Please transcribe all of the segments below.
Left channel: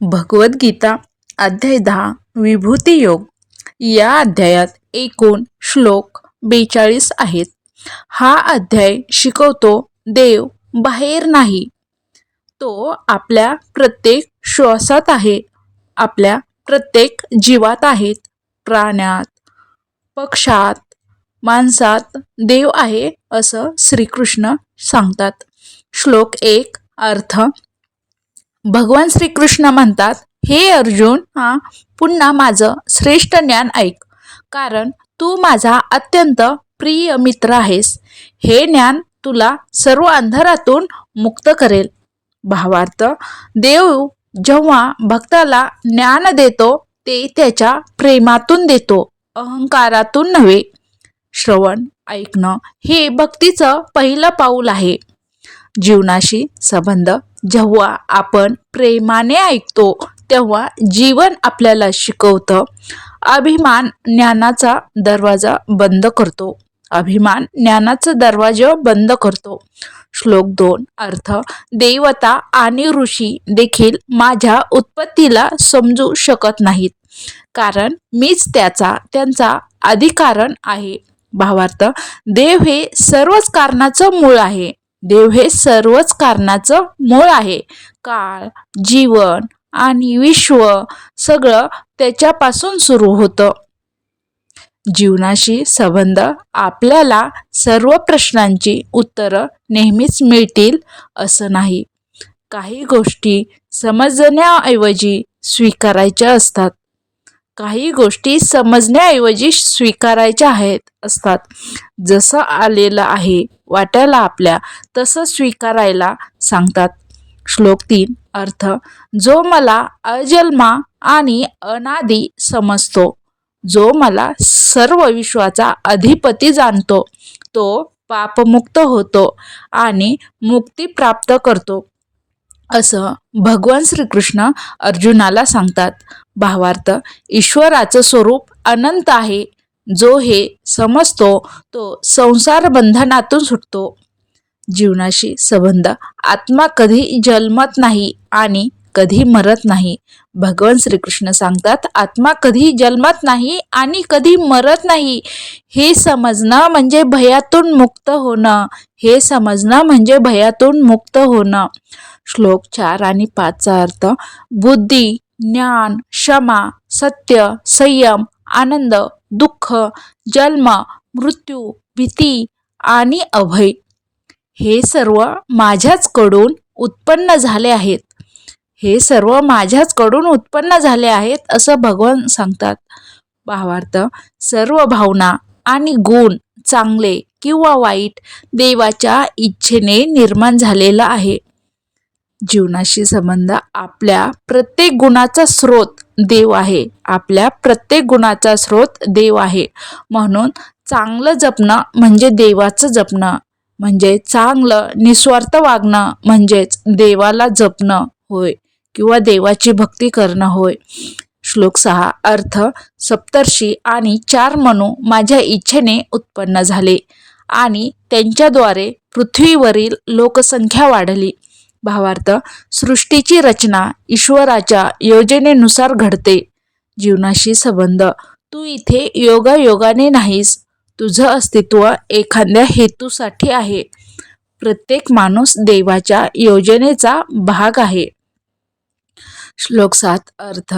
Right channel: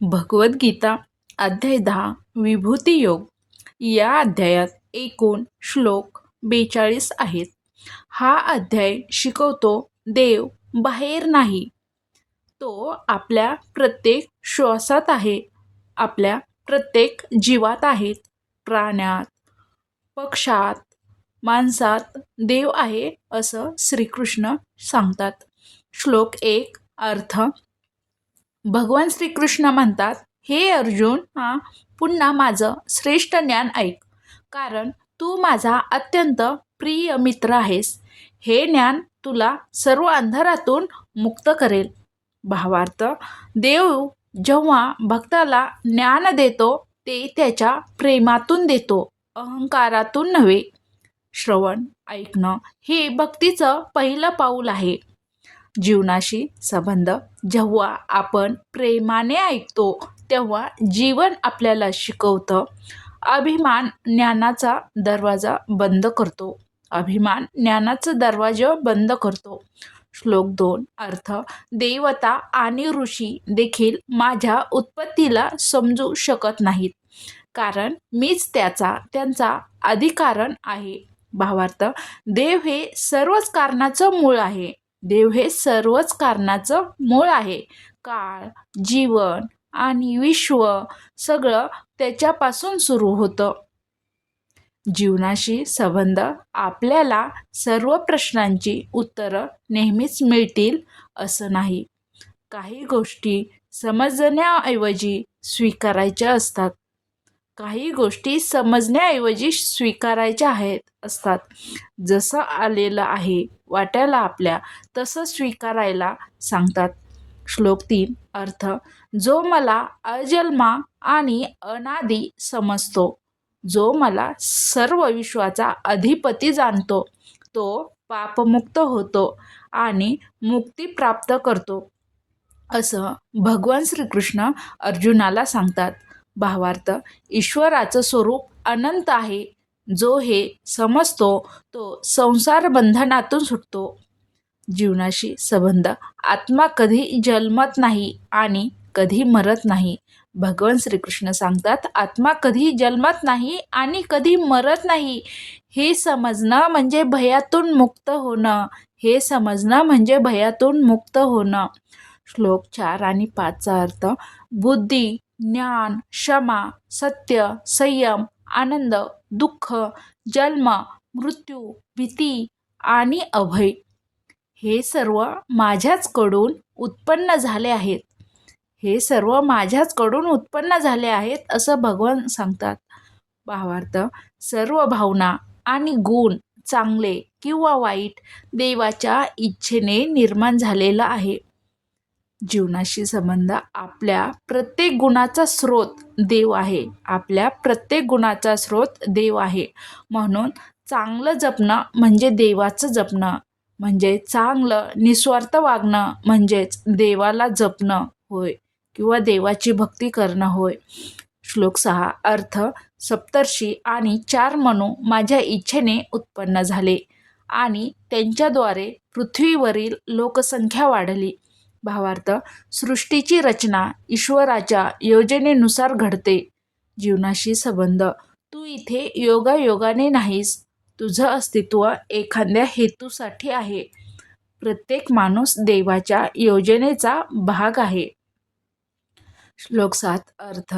भगवद्गीता अध्याय दहा विभूती योग. या अध्यायात एकूण श्लोक बेचाळीस आहेत. हा अध्याय शिकवतो देव बाहेर नाही. तो आपल्या प्रत्येक श्वासात आहे. आपल्या प्रत्येक जीवात आहेत. प्राण्यात पक्षात माणसात देव आहे असं श्रीकृष्ण सांगतात. श्लोक एक अर्थ भगवान श्रीकृष्ण म्हणतात हे अर्जुन हा. पुन्हा माझं श्रेष्ठ ज्ञान ऐक. कारण तू माझा अत्यंत प्रिय मित्र आहेस. हे ज्ञान तुला सर्व अंधारातून मुक्त करेल. भावार्थ देव जेव्हा भक्ताला ज्ञान देतो ते त्याच्या प्रेमातून देतो अहंकारातून नव्हे. श्रवण ऐकणं हे भक्तीचं पहिलं पाऊल आहे. जीवनाशी संबंध. जेव्हा आपण प्रेमाने ऐकतो तेव्हा जीवन आपल्याला शिकवतं. अभिमान ज्ञानाचा दरवाजा बंद करतो. अभिमान ज्ञानाचा दरवाजा बंद करतो. श्लोक दोन अर्थ देवता आणि ऋषी देखील माझ्या उत्पत्तीला समजू शकत नाहीत. कारण मीच त्याचा त्यांचा अधिकारण आहे. भावार्थ देव हे सर्वच कारणाचं मूळ आहे. देव हे सर्वच कारणाचं मूळ आहे. काळ जीवन आणि विश्व सगळं त्याच्यापासून सुरू होतं. जीवनाशी संबंध आपल्याला सर्व प्रश्नांची उत्तरं नेहमीच मिळतील असं नाही. काही गोष्टी समजण्याऐवजी स्वीकारायच्या असतात. काही गोष्टी समजण्याऐवजी स्वीकारायच्या आहेत असतात. जसं आलेलं आहे वाटायला आपल्या तसं स्वीकारायला सांगतात. श्लोक तीन अर्थ जो मला अजन्मा आणि अनादी समजतो जो मला सर्व विश्वाचा अधिपती जाणतो तो पापमुक्त होतो आणि मुक्ती प्राप्त करतो. असं भगवान श्रीकृष्ण अर्जुनाला सांगतात. भावार्थ ईश्वराचं स्वरूप अनंत आहे जो हे समजतो तो संसार बंधनातून सुटतो. जीवनाशी संबंध. आत्मा कधी जन्मत नाही आणि कधी मरत नाही. भगवान श्रीकृष्ण सांगतात आत्मा कधी जन्मत नाही आणि कधी मरत नाही. हे समजणं म्हणजे भयातून मुक्त होणं. हे समजणं म्हणजे भयातून मुक्त होणं. श्लोक चार आणि पाचचा अर्थ बुद्धी ज्ञान क्षमा सत्य संयम आनंद दुःख जन्म मृत्यू भीती आणि अभय हे सर्व माझ्याचकडून उत्पन्न झाले आहेत. हे सर्व माझ्याचकडून उत्पन्न झाले आहेत असं भगवान सांगतात. भावार्थ सर्व भावना आणि गुण चांगले किंवा वाईट देवाच्या इच्छेने निर्माण झालेला आहे. जीवनाशी संबंध आपल्या प्रत्येक गुणाचा स्रोत देव आहे. आपल्या प्रत्येक गुणाचा स्रोत देव आहे. म्हणून चांगलं जपणं म्हणजे देवाचं जपणं. म्हणजे चांगलं निस्वार्थ वागणं म्हणजेच देवाला जपणं होय किंवा देवाची भक्ती करणं होय. श्लोक सहा अर्थ सप्तर्षी आणि चार मनू माझ्या इच्छेने उत्पन्न झाले आणि त्यांच्याद्वारे पृथ्वीवरील लोकसंख्या वाढली. भावार्थ सृष्टीची रचना ईश्वराच्या योजनेनुसार घडते. जीवनाशी संबंध. तू इथे योगायोगाने नाहीस. तुझं अस्तित्व एखाद्या हेतूसाठी आहे. प्रत्येक माणूस देवाच्या योजनेचा भाग आहे. श्लोक सात अर्थ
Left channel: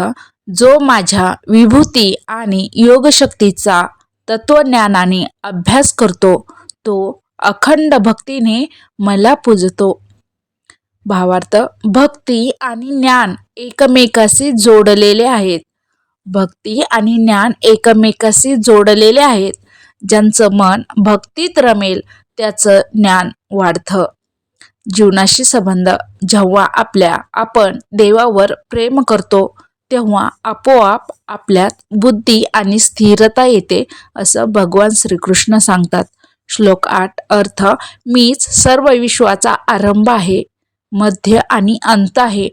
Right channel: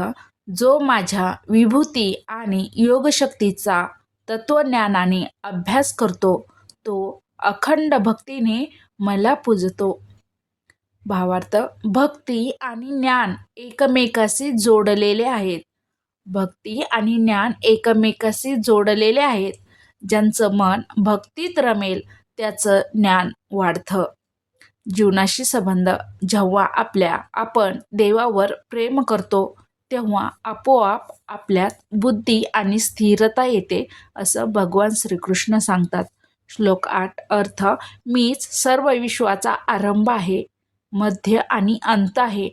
जो माझ्या विभूती आणि योगशक्तीचा तत्वज्ञानाने अभ्यास करतो तो अखंड भक्तीने मला पूजतो. भावार्थ भक्ती आणि ज्ञान एकमेकाशी जोडलेले आहेत. भक्ती आणि ज्ञान एकमेकाशी जोडलेले आहेत. ज्यांचं मन भक्तीत रमेल त्याचं ज्ञान वाढतं. जीवनाशी संबंध जेव्हा आपल्या आपण देवावर प्रेम करतो तेव्हा आपोआप आपल्यात बुद्धी आणि स्थिरता येते असं भगवान श्रीकृष्ण सांगतात. श्लोक आठ अर्थ मीच सर्व विश्वाचा आरंभ आहे. मध्य आणि अंत आहे.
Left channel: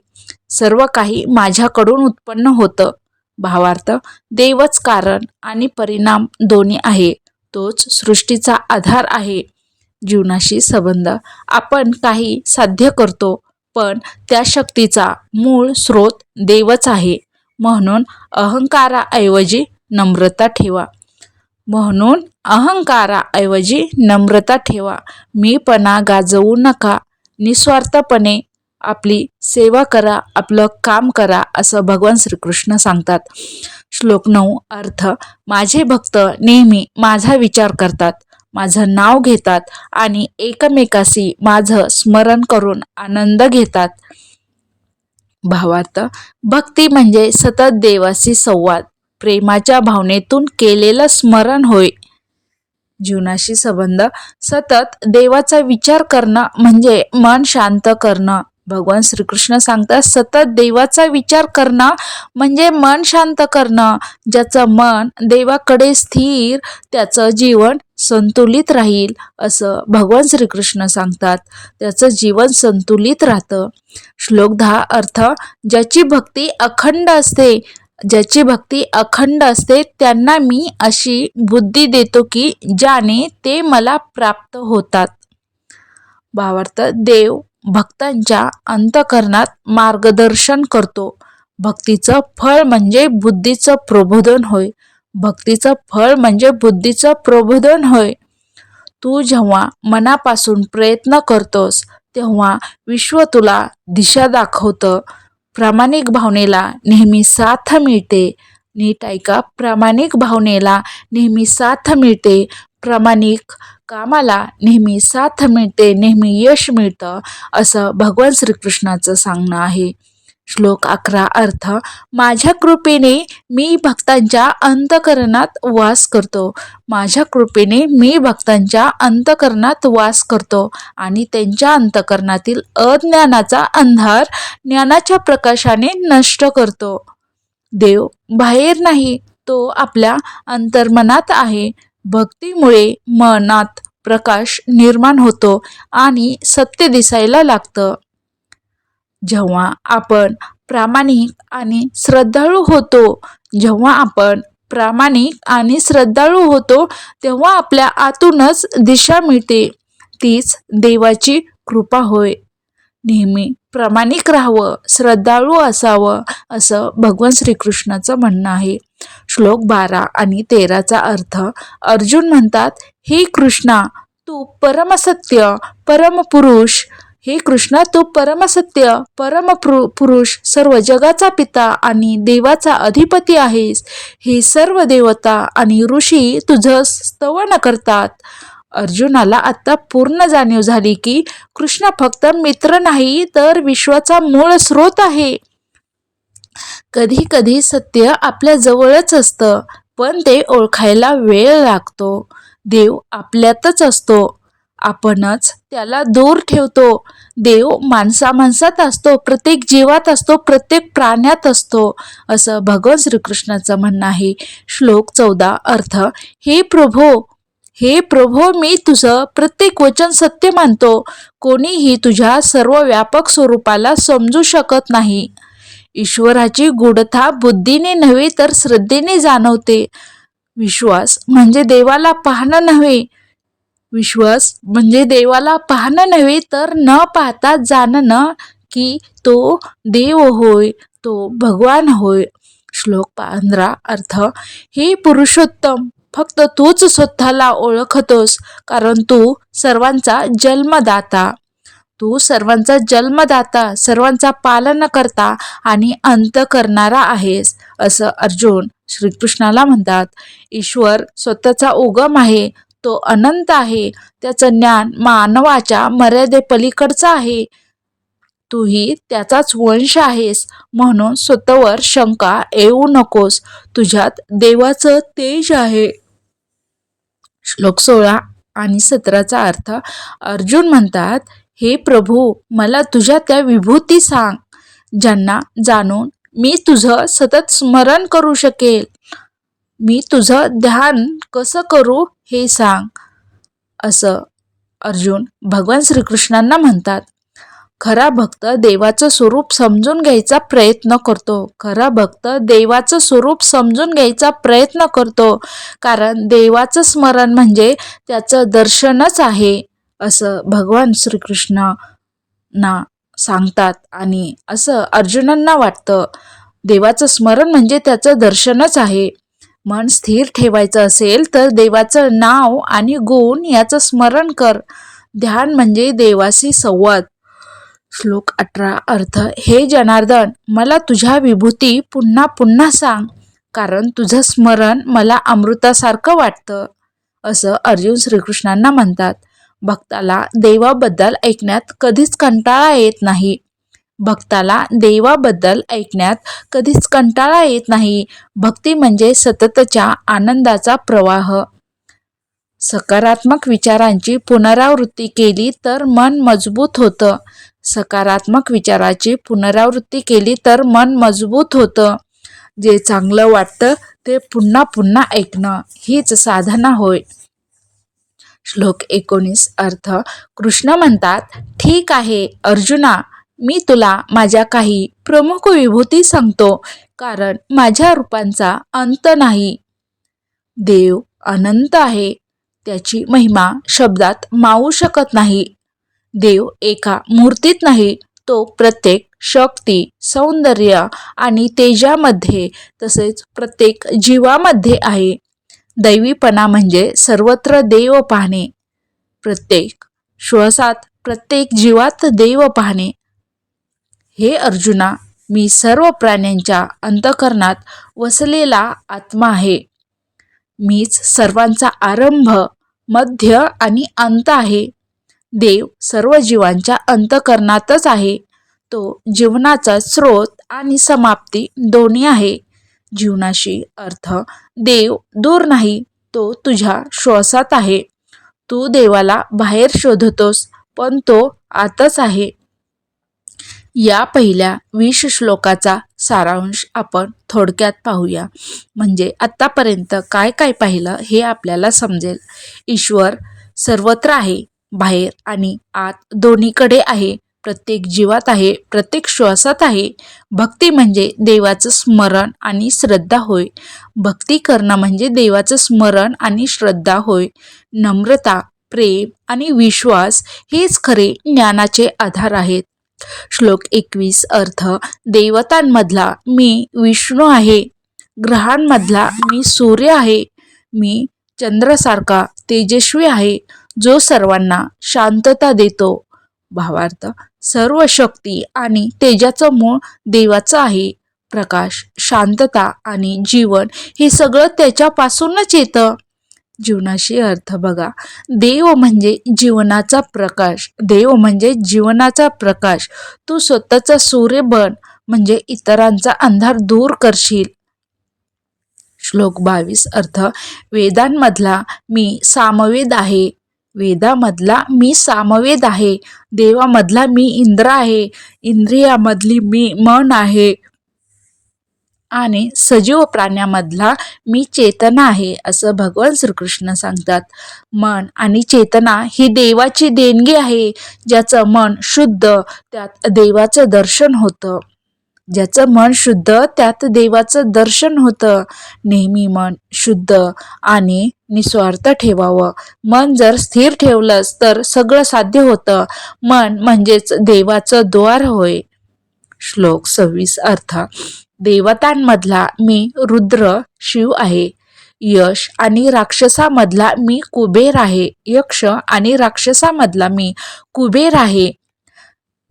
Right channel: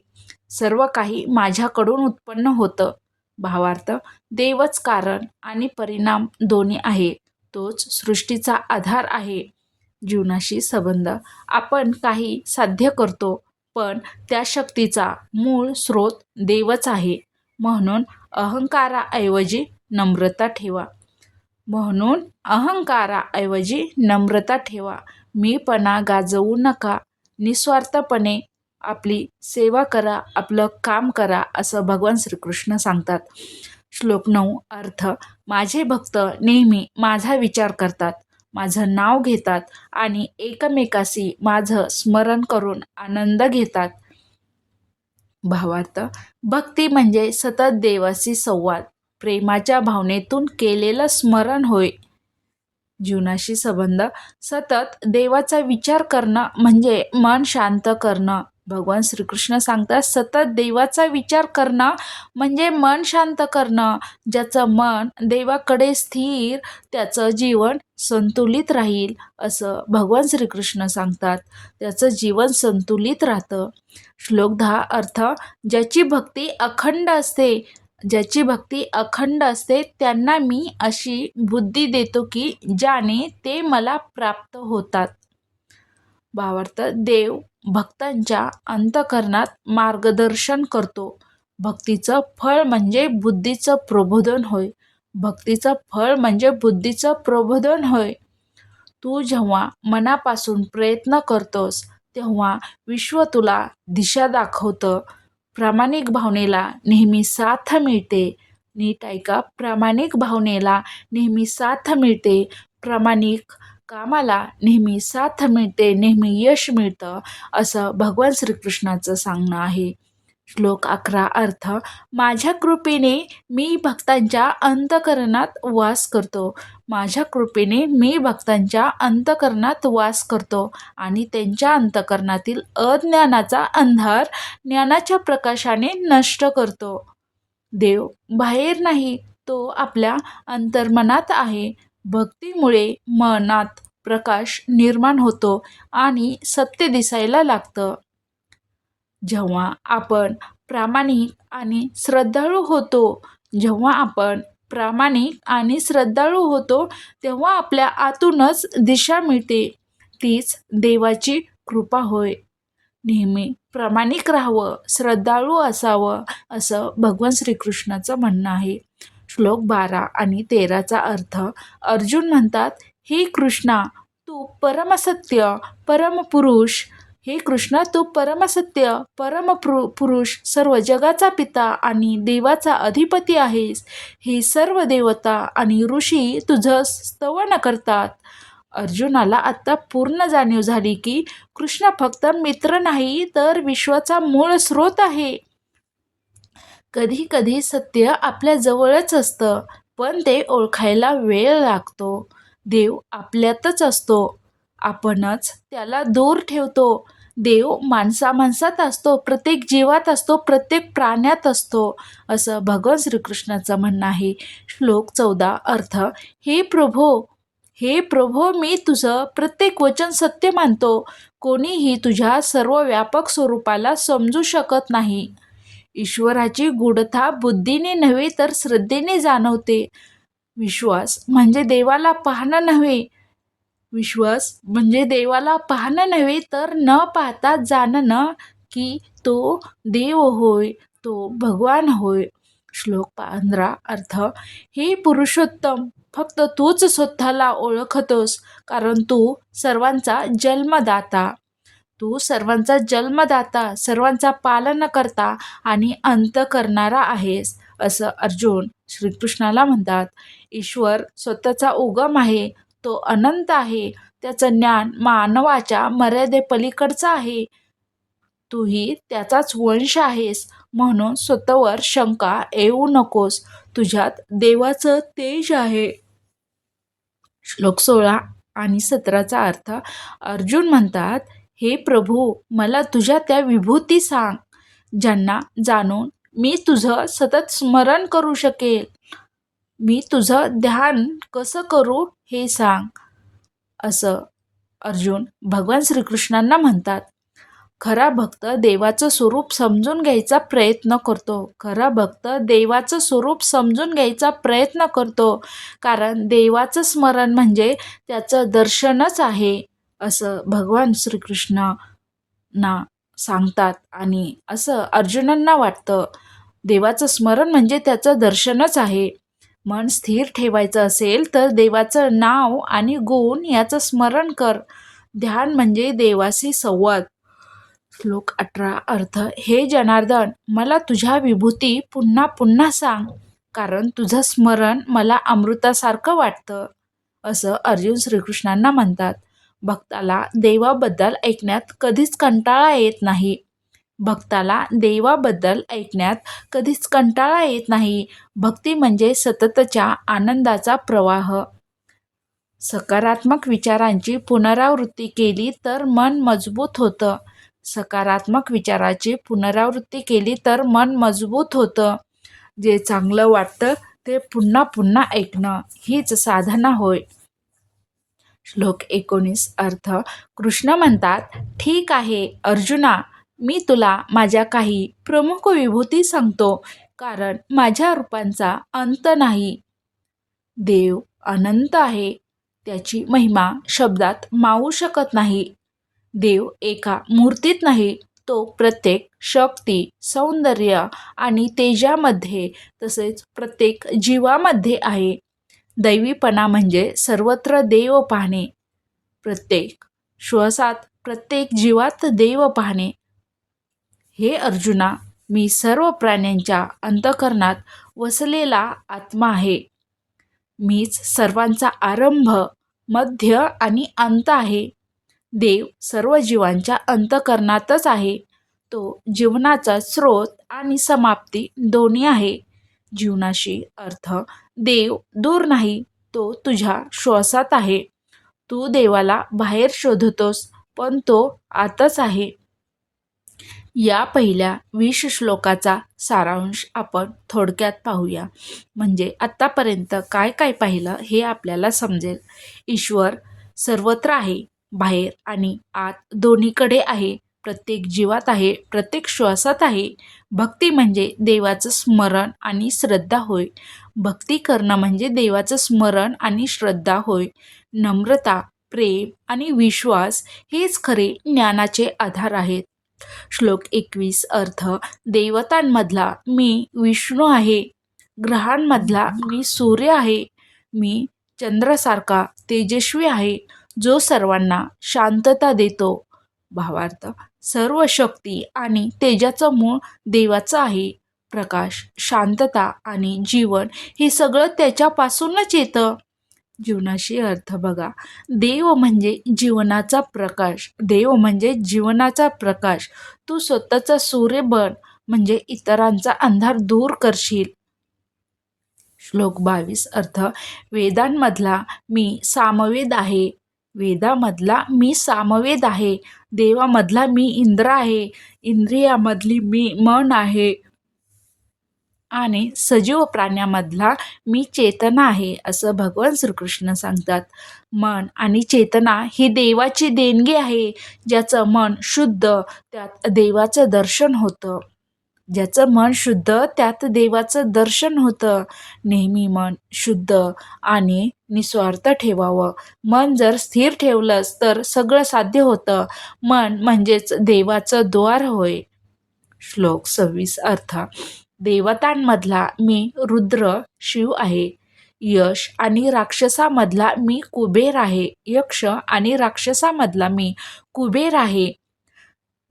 सर्व काही माझ्याकडून उत्पन्न होतं. भावार्थ देवच कारण आणि परिणाम दोन्ही आहे. तोच सृष्टीचा आधार आहे. जीवनाशी संबंध. आपण काही साध्य करतो पण त्या शक्तीचा मूळ स्रोत देवच आहे. म्हणून अहंकाराऐवजी नम्रता ठेवा. म्हणून अहंकाराऐवजी नम्रता ठेवा. मीपणा गाजवू नका. निस्वार्थपणे आपली सेवा करा आपलं काम करा असं भगवान श्रीकृष्ण सांगतात. श्लोक नऊ अर्थ माझे भक्त नेहमी माझा विचार करतात माझं नाव घेतात आणि एकमेकाशी माझं स्मरण करून आनंद घेतात. भावार्थ भक्ती म्हणजे सतत देवाशी संवाद प्रेमाच्या भावनेतून केलेलं स्मरण होय. जीवनाशी संबंध. सतत देवाचा विचार करणं म्हणजे मन शांत करणं. भगवान श्रीकृष्ण सांगतात सतत देवाचा विचार करणं म्हणजे मन शांत करणं. ज्याचं मन देवाकडे स्थिर त्याचं जीवन संतुलित राहील असं भगवान श्रीकृष्ण सांगतात. त्याचं जीवन संतुलित राहतं. श्लोक दहा अर्थ ज्याची भक्ती अखंड असते ज्याची भक्ती अखंड असते त्यांना मी अशी बुद्धी देतो की ज्याने ते मला प्राप्त होतात. भावार्थ देव भक्तांच्या अंतकरणात मार्गदर्शन करतो. भक्तीचं फळ म्हणजे बुद्धीचं प्रबोधन होय. भक्तीचं फळ म्हणजे बुद्धीचं प्रबोधन होय. तू जेव्हा मनापासून प्रयत्न करतोस तेव्हा विश्व तुला दिशा दाखवतं. प्रामाणिक भावनेला नेहमी साथ मिळते. नीट ऐका प्रामाणिक भावनेला नेहमी साथ मिळते. प्रामाणिक कामाला नेहमी साथ मिळते नेहमी यश मिळतं असं भगवान श्रीकृष्णाचं सांगणं आहे. श्लोक अकरा अर्थ माझ्या कृपेने मी भक्तांच्या अंतकरणात वास करतो. माझ्या कृपेने मी भक्तांच्या अंतकरणात वास करतो आणि त्यांच्या अंतकरणातील अज्ञानाचा अंधार ज्ञानाच्या प्रकाशाने नष्ट करतो. देव बाहेर नाही तो आपल्या अंतर्मनात आहे. भक्तीमुळे मनात प्रकाश निर्माण होतो आणि सत्य दिसायला लागतं. जेव्हा आपण प्रामाणिक आणि श्रद्धाळू होतो जेव्हा आपण प्रामाणिक आणि श्रद्धाळू होतो तेव्हा आपल्या आतूनच दिशा मिळते. तीच देवाची कृपा होय. नेहमी प्रामाणिक राहावं श्रद्धाळू असावं असं भगवान श्रीकृष्णाचं म्हणणं आहे. श्लोक बारा आणि तेराचा अर्थ अर्जुन म्हणतात हे कृष्णा तू परमसत्य परमपुरुष हे कृष्णा तू परमसत्य परम पुरुष सर्व जगाचा पिता आणि देवाचा अधिपती आहेस. हे सर्व देवता आणि ऋषी तुझं स्तवन करतात. अर्जुनाला आता पूर्ण जाणीव झाली की कृष्ण फक्त मित्र नाही तर विश्वाचा मूळ स्रोत आहे. कधी कधी सत्य आपल्या जवळच असतं पण ते ओळखायला वेळ लागतो. देव आपल्यातच असतो. आपणच त्याला दूर ठेवतो. देव माणसा माणसात असतो प्रत्येक जीवात असतो प्रत्येक प्राण्यात असतो असं भगवान श्रीकृष्णाचं म्हणणं आहे. श्लोक चौदा अर्थ हे प्रभो हे प्रभो मी तुझं प्रत्येक वचन सत्य मानतो. कोणीही तुझ्या सर्व व्यापक स्वरूपाला समजू शकत नाही. ईश्वराची गुढता बुद्धीने नव्हे तर श्रद्धेने जाणवते. विश्वास म्हणजे देवाला पाहणं नव्हे विश्वास म्हणजे देवाला पाहणं नव्हे तर न पाहता जाणणं की तो देव होय तो भगवान होय. श्लोक पंधरा अर्थ हे पुरुषोत्तम फक्त तूच स्वतःला ओळखतोस कारण तू सर्वांचा जन्मदाता. तू सर्वांचा जन्मदाता सर्वांचा पालन करता आणि अंत करणारा आहेस असं अर्जुन श्रीकृष्णाला म्हणतात. ईश्वर स्वतःचा उगम आहे तो अनंत आहे. त्याचं ज्ञान मानवाच्या मर्यादेपलीकडचं आहे. तूही त्याचाच वंश आहेस म्हणून स्वतःवर शंका येऊ नकोस. तुझ्यात देवाचं तेज आहे. श्लोक सोळा आणि सतराचा अर्थ अर्जुन म्हणतात हे प्रभू मला तुझ्या त्या विभूती सांग ज्यांना जाणून मी तुझं सतत स्मरण करू शकेल. मी तुझं ध्यान कसं करू हे सांग. असं अर्जुन भगवान श्रीकृष्णांना म्हणतात. खरा भक्त देवाचं स्वरूप समजून घ्यायचा प्रयत्न करतो. खरा भक्त देवाचं स्वरूप समजून घ्यायचा प्रयत्न करतो. कारण देवाचं स्मरण म्हणजे त्याचं दर्शनच आहे असं भगवान श्रीकृष्णांना सांगतात. आणि असं अर्जुनांना वाटतं. देवाचं स्मरण म्हणजे त्याचं दर्शनच आहे. मन स्थिर ठेवायचं असेल तर देवाचं नाव आणि गुण याचं स्मरण कर. ध्यान म्हणजे देवाशी संवाद. श्लोक अठरा अर्थ हे जनार्दन मला तुझ्या विभूती पुन्हा पुन्हा सांग कारण तुझं स्मरण मला अमृतासारखं वाटतं. असं अर्जुन श्रीकृष्णांना म्हणतात. भक्ताला देवाबद्दल ऐकण्यात कधीच कंटाळा येत नाही. भक्ताला देवाबद्दल ऐकण्यात कधीच कंटाळा येत नाही. भक्ती म्हणजे सततच्या आनंदाचा प्रवाह. सकारात्मक विचारांची पुनरावृत्ती केली तर मन मजबूत होतं. सकारात्मक विचाराची पुनरावृत्ती केली तर मन मजबूत होतं. जे चांगलं वाटतं ते पुन्हा पुन्हा ऐकणं हीच साधना होय. श्लोक एकोणीस अर्थ कृष्ण म्हणतात ठीक आहे अर्जुना मी तुला माझ्या काही प्रमुख विभूती सांगतो कारण माझ्या रूपांचा अंत नाही. देव अनंत आहे त्याची महिमा शब्दात मावू शकत नाही. देव एका मूर्तीत नाही तो प्रत्येक शक्ती सौंदर्य आणि तेजामध्ये तसेच प्रत्येक जीवामध्ये आहे. दैवीपणा म्हणजे सर्वत्र देव पाहणे. प्रत्येक श्वासात प्रत्येक जीवात देव पाहणे. हे अर्जुना मी सर्व प्राण्यांच्या अंतकरणात वसलेला आत्मा आहे. मीच सर्वांचा आरंभ मध्य आणि अंत आहे. देव सर्व जीवांच्या अंतकरणातच आहे. तो जीवनाचा स्रोत आणि समाप्ती दोन्ही आहे. जीवनाशी अर्थ देव दूर नाही तो तुझ्या श्वासात आहे. तू देवाला बाहेर शोधतोस पण तो आतच आहे. या पहिल्या वीस श्लोकाचा सारांश आपण थोडक्यात पाहूया. म्हणजे आत्तापर्यंत काय काय पाहिलं हे आपल्याला समजेल. ईश्वर सर्वत्र आहे बाहेर आणि आत दोन्हीकडे आहे प्रत्येक जीवात आहे प्रत्येक श्वासात आहे. भक्ती म्हणजे देवाचं स्मरण आणि श्रद्धा होय. भक्ती करणं म्हणजे देवाचं स्मरण आणि श्रद्धा होय. नम्रता प्रेम आणि विश्वास हेच खरे ज्ञानाचे आधार आहेत. श्लोक एकवीस अर्थ देवतांमधला मी विष्णू आहे ग्रहांमधला मी सूर्य आहे मी चंद्रासारखा तेजस्वी आहे जो सर्वांना शांतता देतो. भावार्थ सर्व शक्ती आणि तेजाचं मूळ देवाचं आहे प्रकाश शांतता आणि जीवन हे सगळं त्याच्यापासूनच येतं. जीवनाशी अर्थ बघा. देव म्हणजे जीवनाचा प्रकाश. देव म्हणजे जीवनाचा प्रकाश. तू स्वतःचा सूर्य बन म्हणजे इतरांचा अंधार दूर करशील. श्लोक बावीस. अर्थ वेदांमधला मी सामवेद आहे. वेदामधला मी सामवेद आहे. देवामधला मी इंद्र आहे. इंद्रियामधली मी मन आहे. आणि सजीव प्राण्यामधला मी चेतना आहे असं भगवान श्रीकृष्ण सांगतात. मन आणि चेतना ही देवाची देणगी आहे ज्याचं मन शुद्ध त्यात देवाचं दर्शन होतं. ज्याचं मन शुद्ध त्यात देवाचं दर्शन होतं. नेहमी मन शुद्ध आणि निस्वार्थ ठेवावं. मन जर स्थिर ठेवलंच तर सगळं साध्य होतं. मन म्हणजेच देवाचं द्वार होय. श्लोक सव्वीस अर्थ. देवतांमधला मी रुद्र शिव आहे. यश आणि राक्षसामधला मी कुबेर आहे. यक्ष आणि राक्षसामधला मी कुबेर आहे.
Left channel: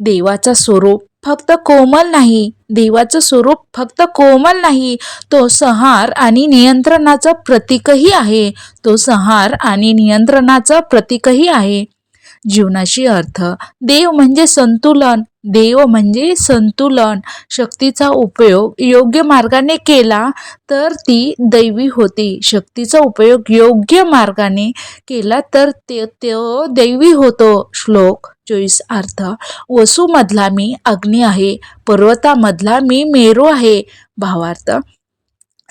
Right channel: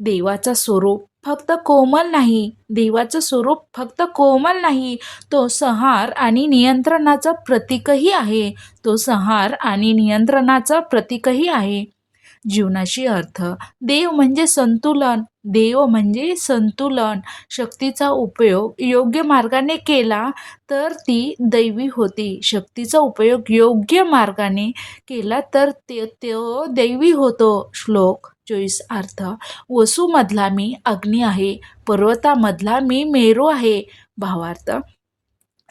देवाचा स्वरूप फक्त कोमल नाही. देवाचं स्वरूप फक्त कोमल नाही. तो संहार आणि नियंत्रणाचं प्रतीकही आहे. तो संहार आणि नियंत्रणाचं प्रतीकही आहे. जीवनाशी अर्थ देव म्हणजे संतुलन. देव म्हणजे संतुलन. शक्तीचा उपयोग योग्य मार्गाने केला तर ती दैवी होती. शक्तीचा उपयोग योग्य मार्गाने केला तर ते तो दैवी होतो. श्लोक चोवीस अर्थ. वसूमधला मी अग्नी आहे. पर्वतामधला मी मेरू आहे. भावार्थ.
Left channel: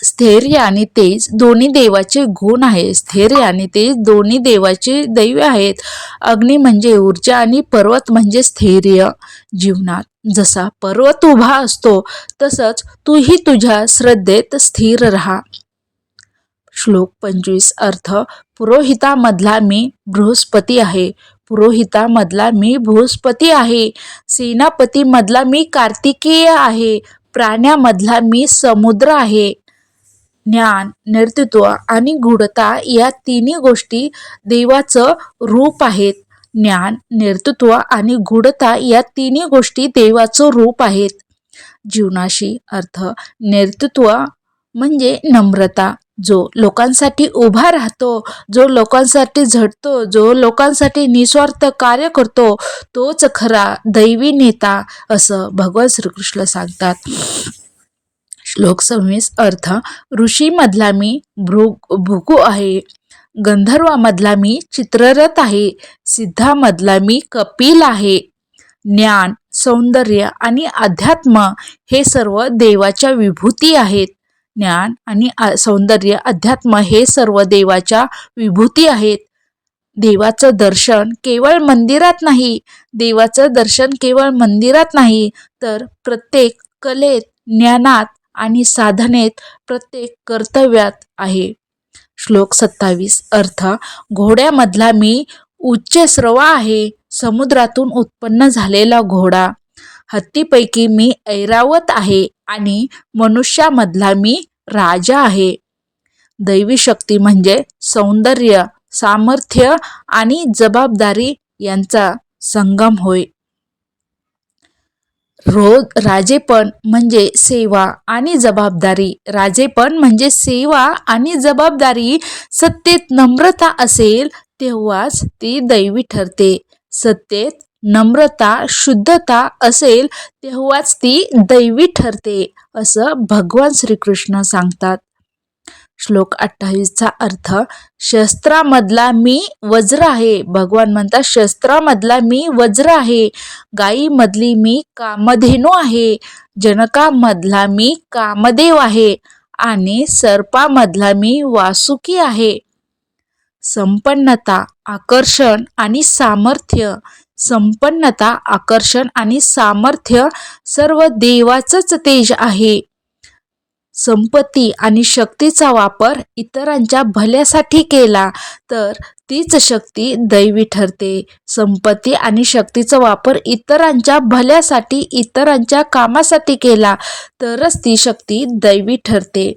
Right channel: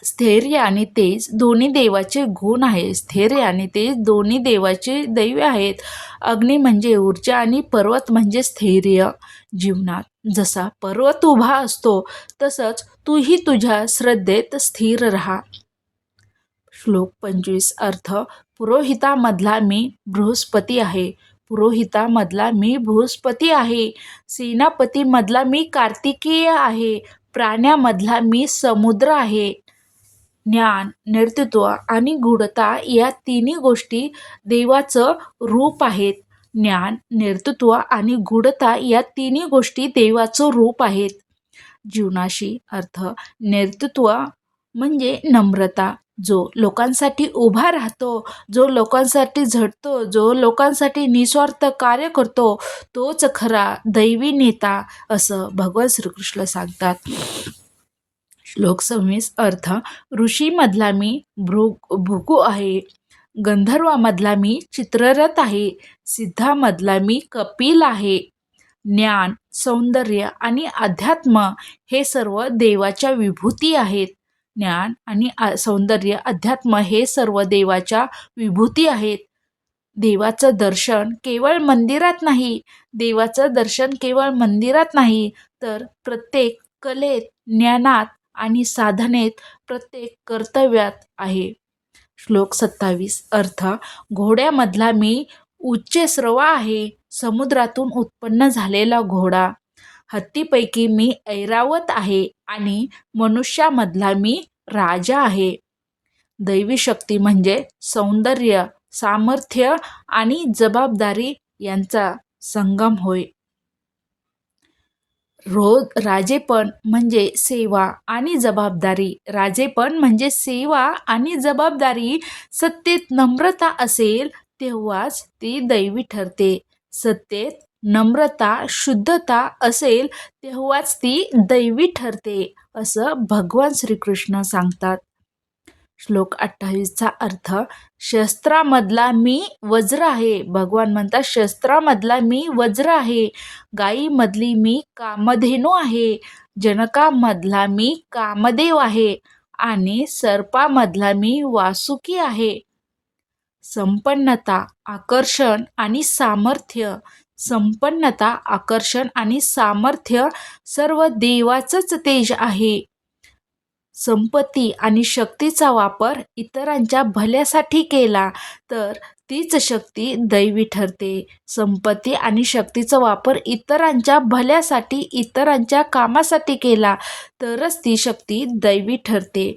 स्थैर्य आणि तेज दोन्ही देवाचे गुण आहे स्थैर्य आणि तेज दोन्ही देवाचे दैव आहेत. अग्नी म्हणजे ऊर्जा आणि पर्वत म्हणजे स्थैर्य जीवनात. जसा पर्वत उभा असतो तसंच तूही तुझ्या श्रद्धेत स्थिर राहा. श्लोक पंचवीस अर्थ पुरोहितामधला मी बृहस्पती आहे. पुरोहितामधला मी बृहस्पती आहे. सेनापतीमधला मी कार्तिकेय आहे. प्राण्यामधला मी समुद्र आहे. ज्ञान नेतृत्व आणि गूढता या तिन्ही गोष्टी देवाचं रूप आहेत. ज्ञान नेतृत्व आणि गूढता या तिन्ही गोष्टी देवाचं रूप आहेत. जीवनाशी अर्थ नेतृत्व म्हणजे नम्रता जो लोकांसाठी उभा राहतो जो लोकांसाठी झटतो जो लोकांसाठी निस्वार्थ कार्य करतो तोच खरा दैवी नेता असं भगवान श्रीकृष्ण सांगतात. श्लोक सव्वीस अर्थ ऋषीमधला मी भृ भुकू आहे. गंधर्वामधला मी चित्ररथ आहे. सिद्धामधला मी कपिल आहे. ज्ञान सौंदर्य आणि अध्यात्म हे सर्व देवाच्या विभूती आहेत. ज्ञान आणि आ- सौंदर्य अध्यात्म हे सर्व देवाच्या विभूती आहेत. देवाचं दर्शन केवळ मंदिरात नाही. देवाचं दर्शन केवळ मंदिरात नाही. तर प्रत्येक कलेत ज्ञानात आणि साधनेत प्रत्येक कर्तव्यात आहे. श्लोक सत्तावीस. अर्थ घोड्यामधला मी उच्च स्रवा आहे. समुद्रातून उत्पन्न झालेला घोडा. हत्तीपैकी मी ऐरावत आहे आणि मनुष्यामधला मी राजा आहे. दैवी शक्ती म्हणजे सौंदर्य सामर्थ्य आणि जबाबदारी यांचा संगम होय. रोज राजेपण म्हणजे सेवा आणि जबाबदारी. राजेपण म्हणजे सेवा आणि जबाबदारी सत्तेत नम्रता असेल तेव्हाच ती दैवी ठरते. सत्तेत नम्रता शुद्धता असेल तेव्हाच ती दैवी ठरते असं भगवान श्रीकृष्ण सांगतात. श्लोक अठ्ठावीसचा अर्थ शस्त्रामधला मी वज्र आहे. भगवान म्हणतात शस्त्रामधला मी वज्र आहे. गायीमधली मी कामधेनू आहे. जनकामधला मी कामदेव आहे. आणि सर्पामधला मी वासुकी आहे. संपन्नता आकर्षण आणि सामर्थ्य. संपन्नता आकर्षण आणि सामर्थ्य सर्व देवाचंच तेज आहे. संपत्ती आणि शक्तीचा वापर इतरांच्या भल्यासाठी केला तर तीच शक्ती दैवी ठरते. संपत्ती आणि शक्तीचा वापर इतरांच्या भल्यासाठी इतरांच्या कामासाठी केला तरच ती शक्ती दैवी ठरते.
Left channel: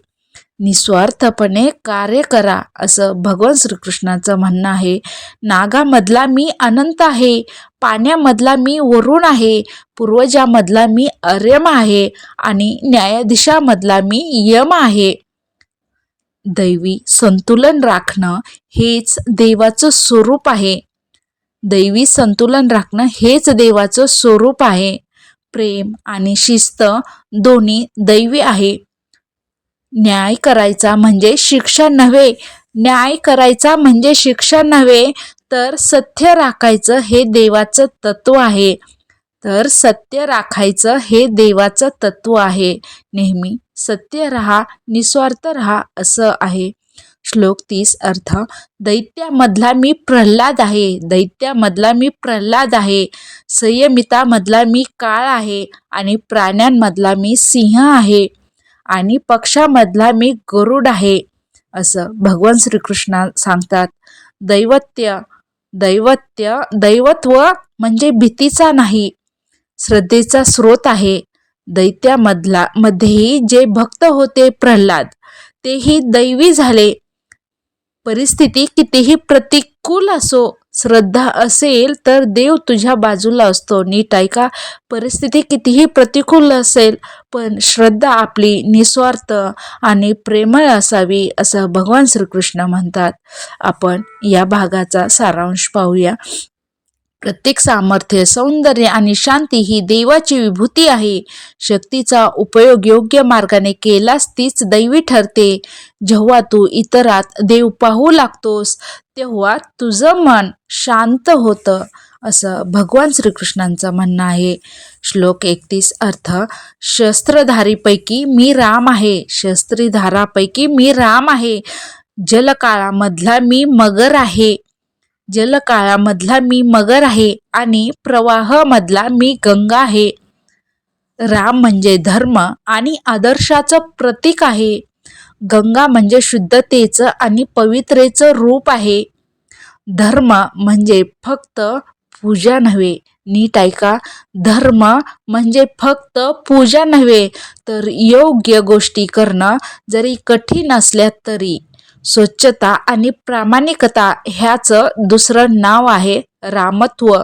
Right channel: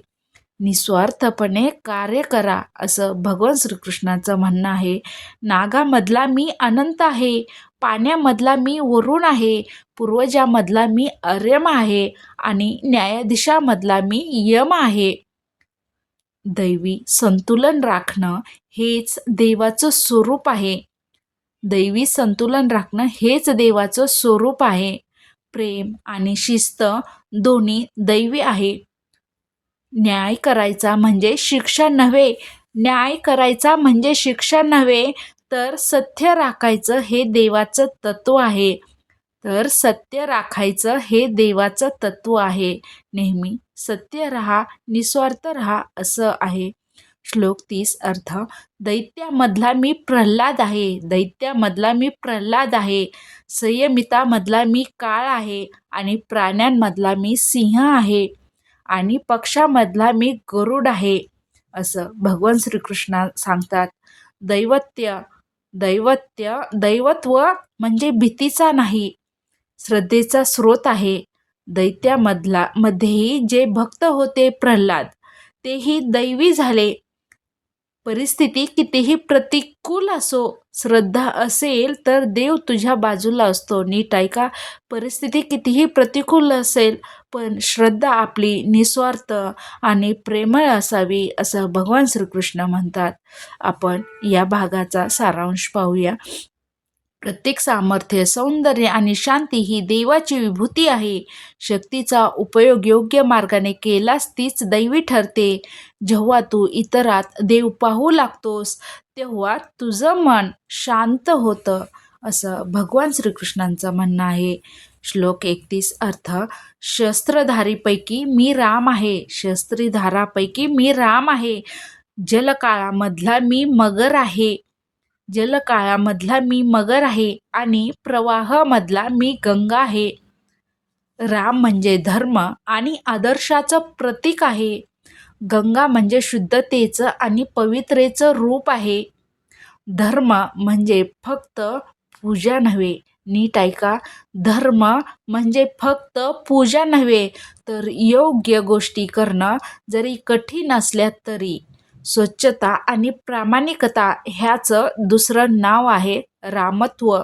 निस्वार्थपणे कार्य करा असं भगवान श्रीकृष्णाचं म्हणणं आहे. नागामधला मी अनंत आहे. पाण्यामधला मी वरुण आहे पूर्वजामधला मी अर्यम आहे आणि न्यायाधीशामधला मी यम आहे. दैवी संतुलन राखणं हेच देवाचं स्वरूप आहे. दैवी संतुलन राखणं हेच देवाचं स्वरूप आहे. प्रेम आणि शिस्त दोन्ही दैवी आहे. न्याय करायचा म्हणजे शिक्षा नव्हे न्याय करायचा म्हणजे शिक्षा नव्हे तर सत्य राखायचं हे देवाचं तत्व आहे. तर सत्य राखायचं हे देवाचं तत्व आहे. नेहमी सत्य रहा निस्वार्थ रहा असं आहे. श्लोक तीस अर्थ दैत्यामधला मी प्रल्हाद आहे. दैत्यामधला मी प्रल्हाद आहे. संयमितामधला मी काळ आहे. आणि प्राण्यांमधला मी सिंह आहे. आणि पक्षामधला मी गरुड आहे. असं भगवान श्रीकृष्ण सांगतात. दैवत्य दैवत्य दैवत्व म्हणजे भीतीचा नाही श्रद्धेचा स्रोत आहे. दैत्यामधला मध्येही जे भक्त होते प्रल्हाद तेही दैवी झाले. परिस्थिती कितीही प्रतिकूल असो श्रद्धा असेल तर देव तुझ्या बाजूला असतो. नीट ऐका. परिस्थिती कितीही प्रतिकूल असेल पण श्रद्धा आपली निस्वार्थ आणि प्रेमळ असावी असं भगवान श्रीकृष्ण म्हणतात. आपण या भागाचा सारांश पाहूया. प्रत्येक सामर्थ्य सौंदर्य आणि शांती ही देवाची विभूती आहे. शक्तीचा उपयोग योग्य मार्गाने केलास तीच दैवी ठरते. जेव्हा तू इतरात देव पाहू लागतोस तेव्हा तुझं मन शांत होतं असं भगवान श्रीकृष्णांचं म्हणणं आहे. श्लोक एकतीस अर्थ शस्त्रधारीपैकी मी राम आहे शस्त्रीधारापैकी मी राम आहे जलकाळामधला मी मगर आहे जलकाळामधला मी मगर आहे आणि प्रवाहामधला मी गंगा आहे. राम म्हणजे धर्म आणि आदर्शाचं प्रतीक आहे. गंगा म्हणजे शुद्धतेचं आणि पवित्रेचं रूप आहे. धर्म म्हणजे फक्त पूजा नव्हे. नीट ऐका. धर्म म्हणजे फक्त पूजा नव्हे तर योग्य गोष्टी करणं जरी कठीण असल्या तरी. स्वच्छता आणि प्रामाणिकता ह्याचं दुसरं नाव आहे रामत्व.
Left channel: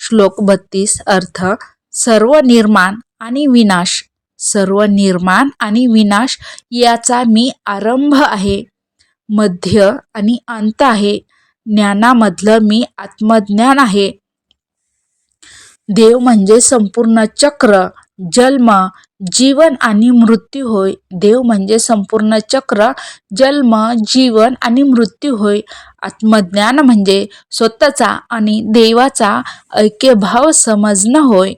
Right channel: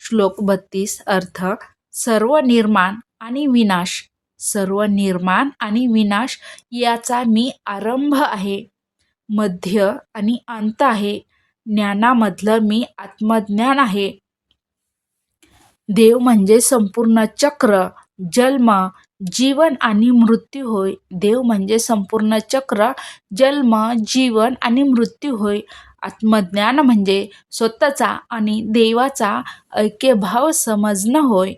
श्लोक बत्तीस अर्थ सर्व निर्माण आणि विनाश. सर्व निर्माण आणि विनाश याचा मी आरंभ आहे. मध्य आणि अंत आहे. ज्ञानामधलं मी आत्मज्ञान आहे. देव म्हणजे संपूर्ण चक्र जन्म जीवन आणि मृत्यू होय. देव म्हणजे संपूर्ण चक्र जन्म जीवन आणि मृत्यू होय. आत्मज्ञान म्हणजे स्वतःचा आणि देवाचा ऐक्यभाव समजणं होय.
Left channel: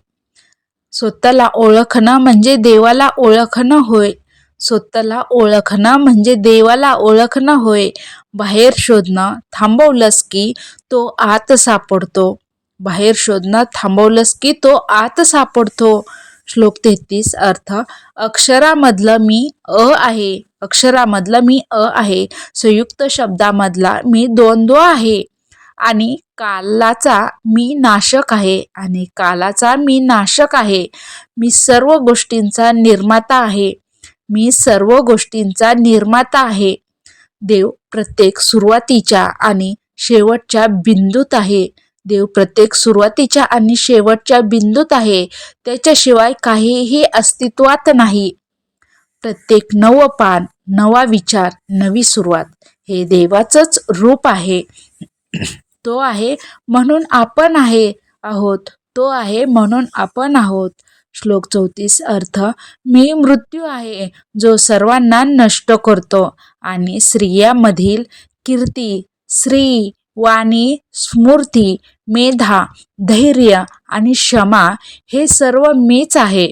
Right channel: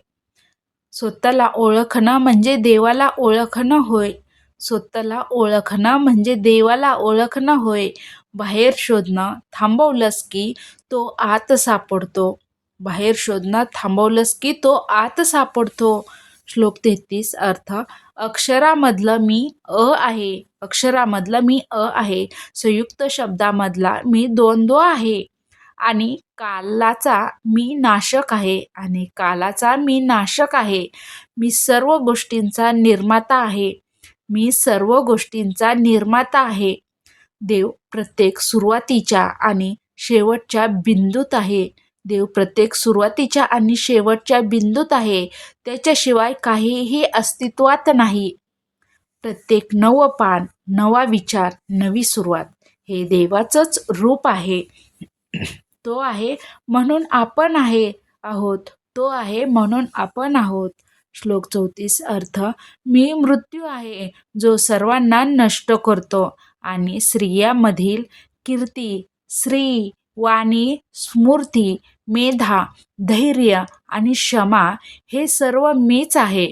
स्वतःला ओळखणं म्हणजे देवाला ओळखणं होय. स्वतःला ओळखणं म्हणजे देवाला ओळखणं होय. बाहेर शोधणं थांबवलंस की तो आत सापडतो. बाहेर शोधणं थांबवलंस की तो आत सापडतो. श्लोक तेहतीस अर्थ अक्षरामधलं मी अ आहे. अक्षरामधलं मी अ आहे. संयुक्त शब्दामधला मी द्वंद्व आहे. आणि कालाचा मी नाशक आहे आणि कालाचा मी नाशक आहे. मी सर्व गोष्टींचा निर्माता आहे. मी सर्व गोष्टींचा निर्माता आहे. देव प्रत्येक सुरुवातीच्या आणि शेवटच्या बिंदूत आहे. देव प्रत्येक सुरुवातीच्या आणि शेवटच्या बिंदूत आहे. त्याच्याशिवाय काहीही अस्तित्वात नाही. प्रत्येक नवं पान नवा विचार नवी सुरुवात हे देवाचंच रूप आहे. तो आहे म्हणून आपण आहे आहोत. तो आहे म्हणून आपण आहोत. श्लोक चौतीस अर्थ मी मृत्यू आहे जो सर्वांना नष्ट करतो आणि स्त्रियामधील कीर्ती श्री वाणी स्मृती मेधा धैर्य आणि क्षमा हे सर्व मीच आहे.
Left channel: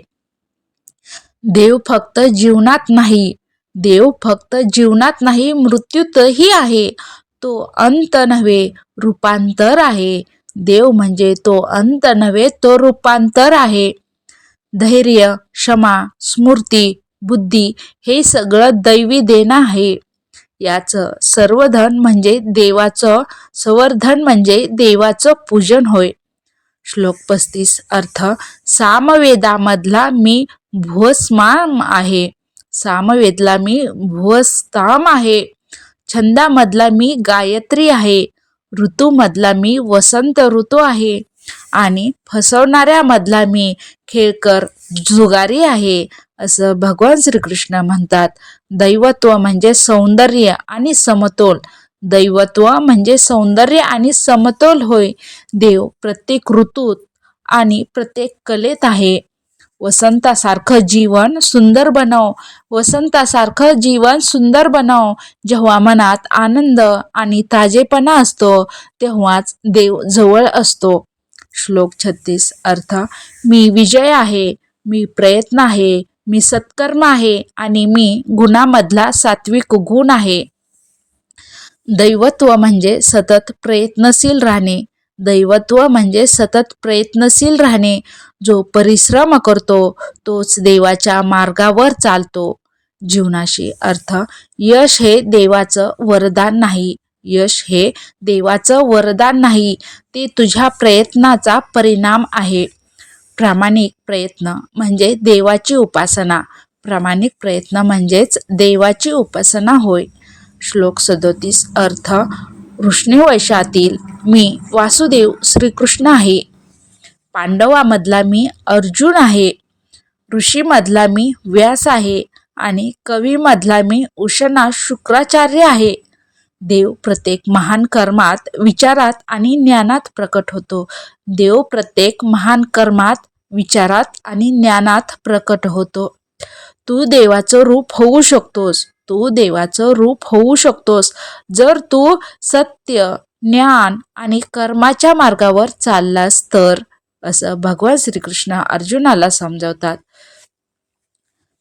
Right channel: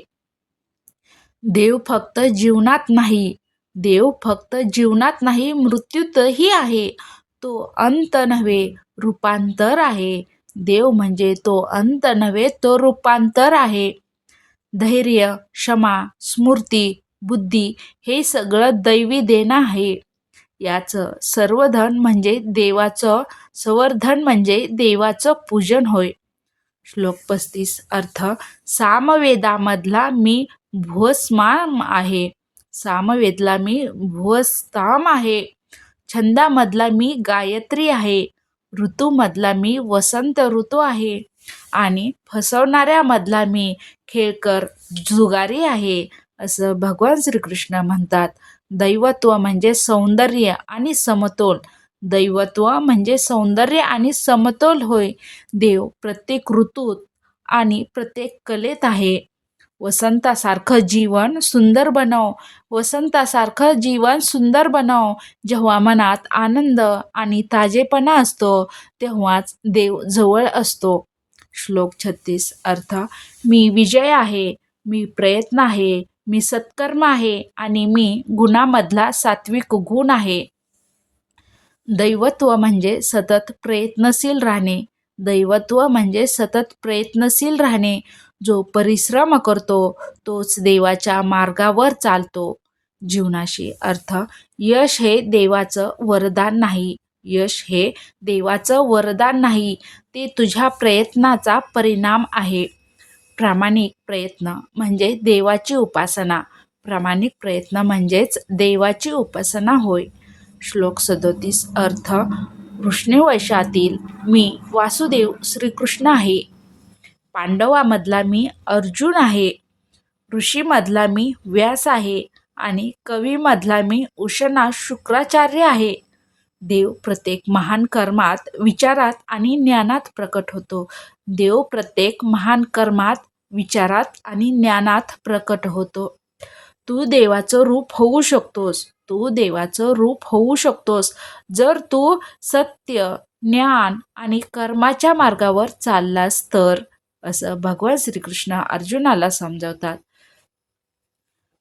देव फक्त जीवनात नाही. देव फक्त जीवनात नाही मृत्यूतही आहे. तो अंत नव्हे रूपांतर आहे. देव म्हणजे तो अंत नव्हे तो रूपांतर आहे. धैर्य क्षमा स्मृती बुद्धी हे सगळं दैवी देणं आहे. याचं सर्वधन म्हणजे देवाचं संवर्धन म्हणजे देवाचं पूजन होय. श्लोक पस्तीस अर्थ सामवेदामधला मी भुवस्माम आहे. सामवेदला मी भुवस्ताम आहे. छंदामधला मी गायत्री आहे. ऋतूमधला मी वसंत ऋतू आहे. आणि फसवणाऱ्यामधला मी खेळकर जुगारी आहे असं भगवान श्रीकृष्ण म्हणतात. दैवत्व म्हणजे सौंदर्य आणि समतोल. दैवत्व म्हणजे सौंदर्य आणि समतोल होय. देव प्रत्येक ऋतूत आणि प्रत्येक कलेत आहे. वसंतासारखं जीवन सुंदर बनव. वसंतासारखं जीवन सुंदर बनव. जेव्हा मनात आनंद आणि ताजेपणा असतो तेव्हाच देव जवळ असतो. श्लोक छत्तीस अर्थ मी विजय आहे मी प्रयत्न आहे मी सत्कर्म आहे आणि मी गुणामधला सात्विक गुण आहे. दैवत्व म्हणजे सतत प्रयत्नशील राहणे. दैवत्व म्हणजे सतत प्रयत्नशील राहणे. जो परिश्रम करतो तोच देवाच्या मार्गावर चालतो. जीवनाशी अर्थ यश हे देवाचं वरदान नाही. यश हे देवाचं वरदान नाही. ते तुझ्या प्रयत्नाचा परिणाम आहे. प्रामाणिक प्रयत्न म्हणजे देवाची उपासना. प्रामाणिक प्रयत्न म्हणजेच देवाची उपासना होय. श्लोक सदोतीस. अर्थ वृष्णीवैशातील मी वासुदेव श्रीकृष्ण आहे. पांडवामधला मी अर्जुन आहे. ऋषीमधला मी व्यास आहे आणि कवीमधला मी उषणा शुक्राचार्य आहे. देव प्रत्येक महान कर्मात विचारात आणि ज्ञानात प्रकट होतो. देव प्रत्येक महान कर्मात विचारात आणि ज्ञानात प्रकट होतो. तू देवाचं रूप होऊ शकतोस. तू देवाचं रूप होऊ शकतोस. जर तू सत्य ज्ञान आणि कर्माच्या मार्गावर चाललास तर असं भगवान श्रीकृष्ण अर्जुनाला समजावतात.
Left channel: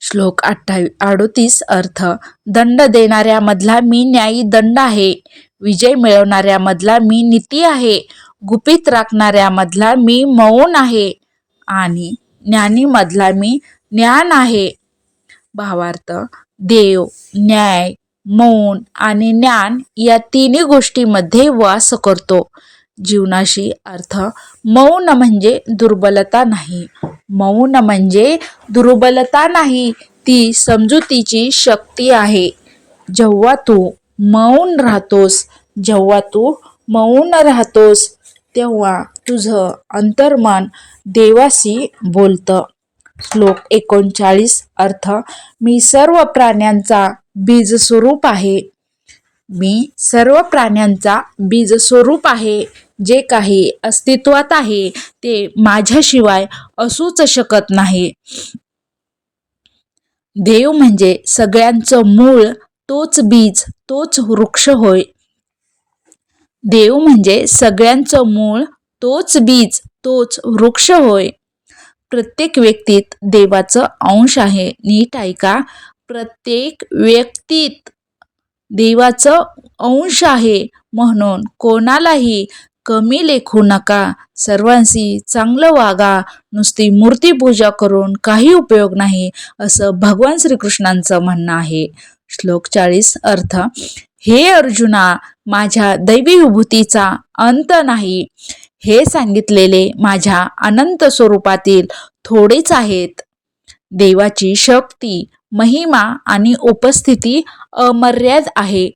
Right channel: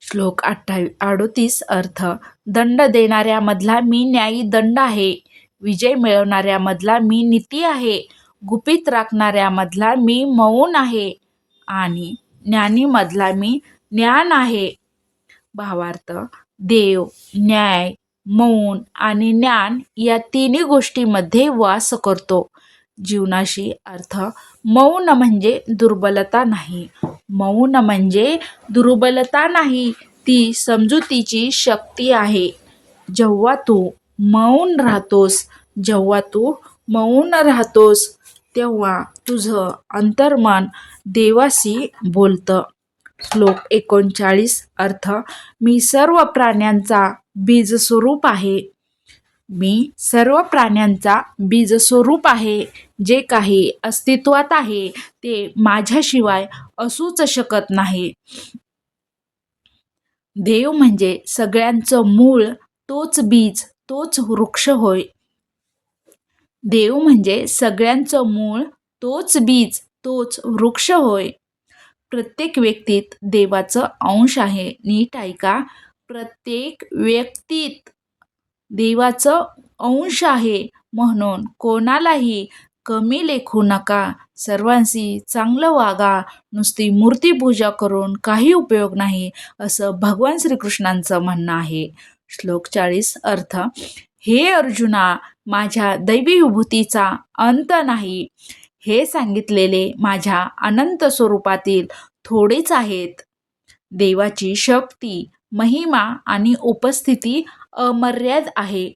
श्लोक अठ्ठावी अडोतीस अर्थ दंड देणाऱ्यामधला मी न्यायी दंड आहे. विजय मिळवणाऱ्यामधला मी नीती आहे. गुपित राखणाऱ्यामधला मी मौन आहे. आणि ज्ञानीमधला मी ज्ञान आहे. भावार्थ देव न्याय मौन आणि ज्ञान या तिन्ही गोष्टीमध्ये वास करतो. जीवनाशी अर्थ मौन म्हणजे दुर्बलता नाही. मौन म्हणजे दुर्बलता नाही ती समजुतीची शक्ती आहे. जेव्हा तू मौन राहतोस जेव्हा तू मौन राहतोस तेव्हा तुझं अंतर्मन देवाशी बोलतं. श्लोक एकोणचाळीस अर्थ मी सर्व प्राण्यांचा बीज स्वरूप आहे. मी सर्व प्राण्यांचा बीज स्वरूप आहे. जे काही अस्तित्वात आहे ते माझ्याशिवाय असूच शकत नाही. देव म्हणजे सगळ्यांचं मूळ तोच बीज तोच वृक्ष होय. देव म्हणजे सगळ्यांचं मूळ तोच बीज तोच वृक्ष होय. प्रत्येक व्यक्तीत देवाचं अंश आहे. नीट ऐका. प्रत्येक व्यक्तीत देवाचं अंश आहे म्हणून कोणालाही कमी लेखू नका. सर्वांशी चांगलं वागा. नुसती मूर्तीपूजा करून काही उपयोग नाही असं भगवान श्रीकृष्णांचं म्हणणं आहे. श्लोक चाळीस अर्थ हे अर्जुना माझ्या दैवी विभूतीचा अंत नाही. हे सांगितलेले माझ्या अनंत स्वरूपातील थोडेच आहेत. देवाची शक्ती महिमा आणि उपस्थिती अमर्याद आहे.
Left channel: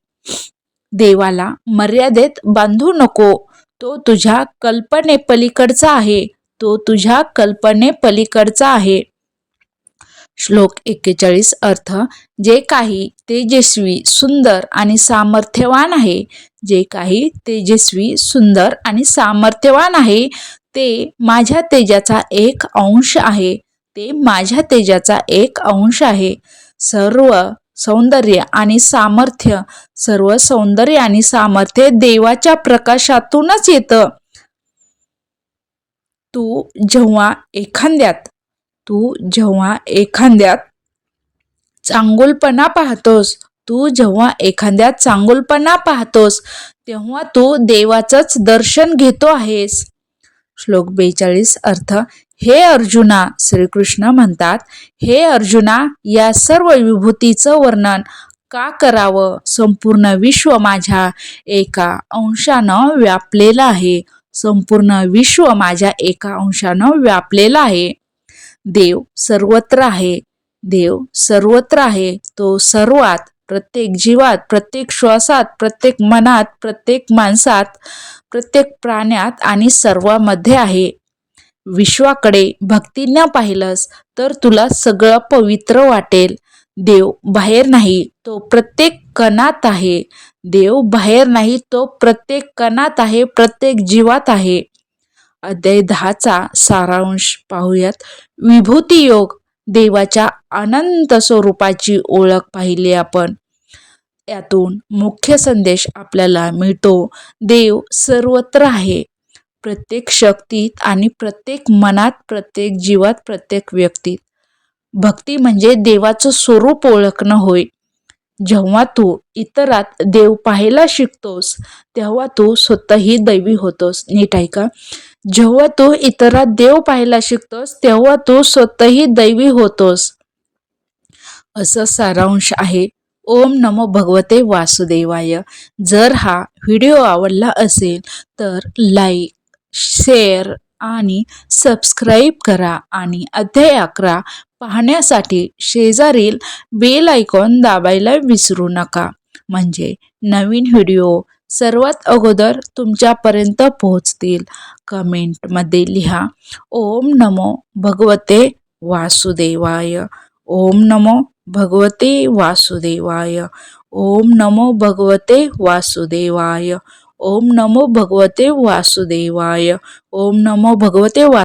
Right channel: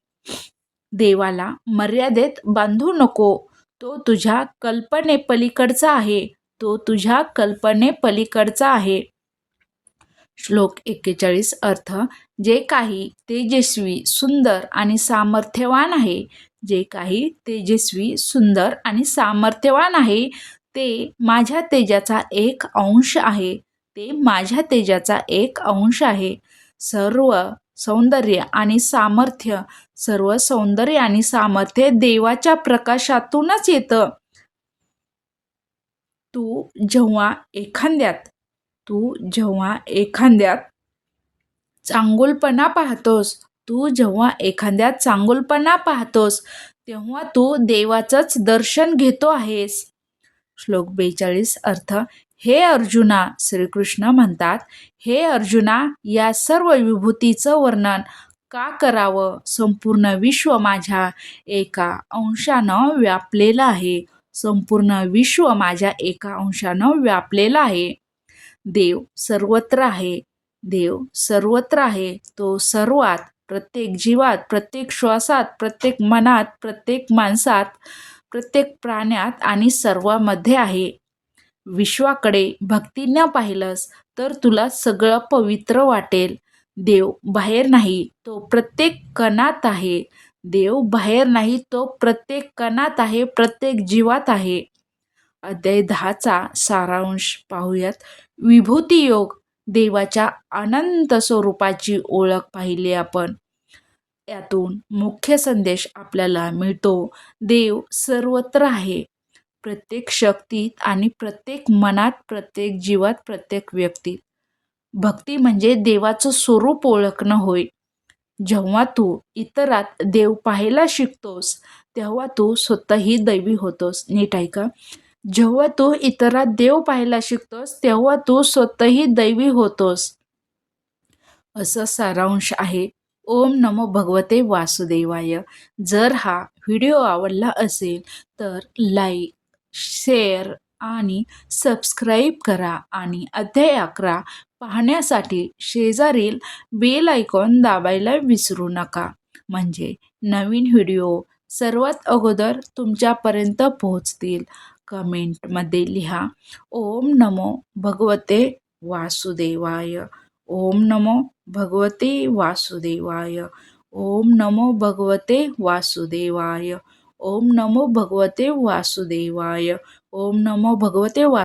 देवाला मर्यादेत बांधू नको. तो तुझ्या कल्पनेपलीकडचा आहे. तो तुझ्या कल्पनेपलीकडचा आहे. श्लोक एक्केचाळीस अर्थ जे काही तेजस्वी सुंदर आणि सामर्थ्यवान आहे जे काही तेजस्वी सुंदर आणि सामर्थ्यवान आहे ते माझ्या तेजाचा एक अंश आहे ते माझ्या तेजाचा एक अंश आहे. सर्व सौंदर्य आणि सामर्थ्य सर्व सौंदर्य आणि सामर्थ्य देवाच्या प्रकाशातूनच येतं. तू जेव्हा एखाद्यात तू जेव्हा एखाद्यात चांगुलपणा पाहतोस तू जेव्हा एखाद्यात चांगुलपणा पाहतोस तेव्हा तू देवाचंच दर्शन घेतो आहेस. श्लोक बेचाळीस अर्थ हे अर्जुना श्रीकृष्ण म्हणतात हे अर्जुना या सर्व विभूतीचं वर्णन का करावं? संपूर्ण विश्व माझ्या एका अंशानं व्यापलेलं आहे. संपूर्ण विश्व माझ्या एका अंशानं व्यापलेलं आहे. देव सर्वत्र आहे. देव सर्वत्र आहे. तो सर्वात प्रत्येक जीवात प्रत्येक श्वासात प्रत्येक मनात प्रत्येक माणसात प्रत्येक प्राण्यात आणि सर्वामध्ये आहे. विश्वाकडे भक्तीनं पाहिलंस तर तुला सगळं पवित्र वाटेल. देव बाहेर नाही तो प्रत्येक कणात आहे. देव बाहेर नाही तो प्रत्येक कणात आहे प्रत्येक जीवात आहे. अध्याय दहाचा सारांश पाहूयात. विभूती योग देवाच्या अनंत स्वरूपाची ओळख पाहिली आपण. यातून मुख्य संदेश आपल्याला मिळतो. देव सर्वत्र आहे. प्रत्येक शक्तीत आणि प्रत्येक मनात प्रत्येक जीवात प्रत्येक व्यक्तीत. भक्ती म्हणजे देवाचं स्वरूप ओळखणं होय. जेव्हा तू इतरात देव पाहायला शिकतोस तेव्हा तू स्वतःही दैवी होतोस. नीट ऐका. जेव्हा तू इतरात देव पाहायला शिकतोस तेव्हा तू स्वतःही दैवी होतोस. असं सारांश आहे. ओम नमो भगवते वासुदेवाय. जर हा व्हिडिओ आवडला असेल तर लाईक शेअर आणि सबस्क्राईब करा आणि अध्याय अकरा पाहण्यासाठी शेजारील बेल आयकॉन दाबायला विसरू नका. म्हणजे नवीन व्हिडिओ सर्वात अगोदर तुमच्यापर्यंत पोहोचतील. कमेंटमध्ये लिहा. ओम नमो भगवते वासुदेवाय. ओम नमो भगवते वासुदेवाय. ओम नमो भगवते वासुदेवाय. ओम नमो भगवते वासुदेवाय. ओम नमो भगवते वा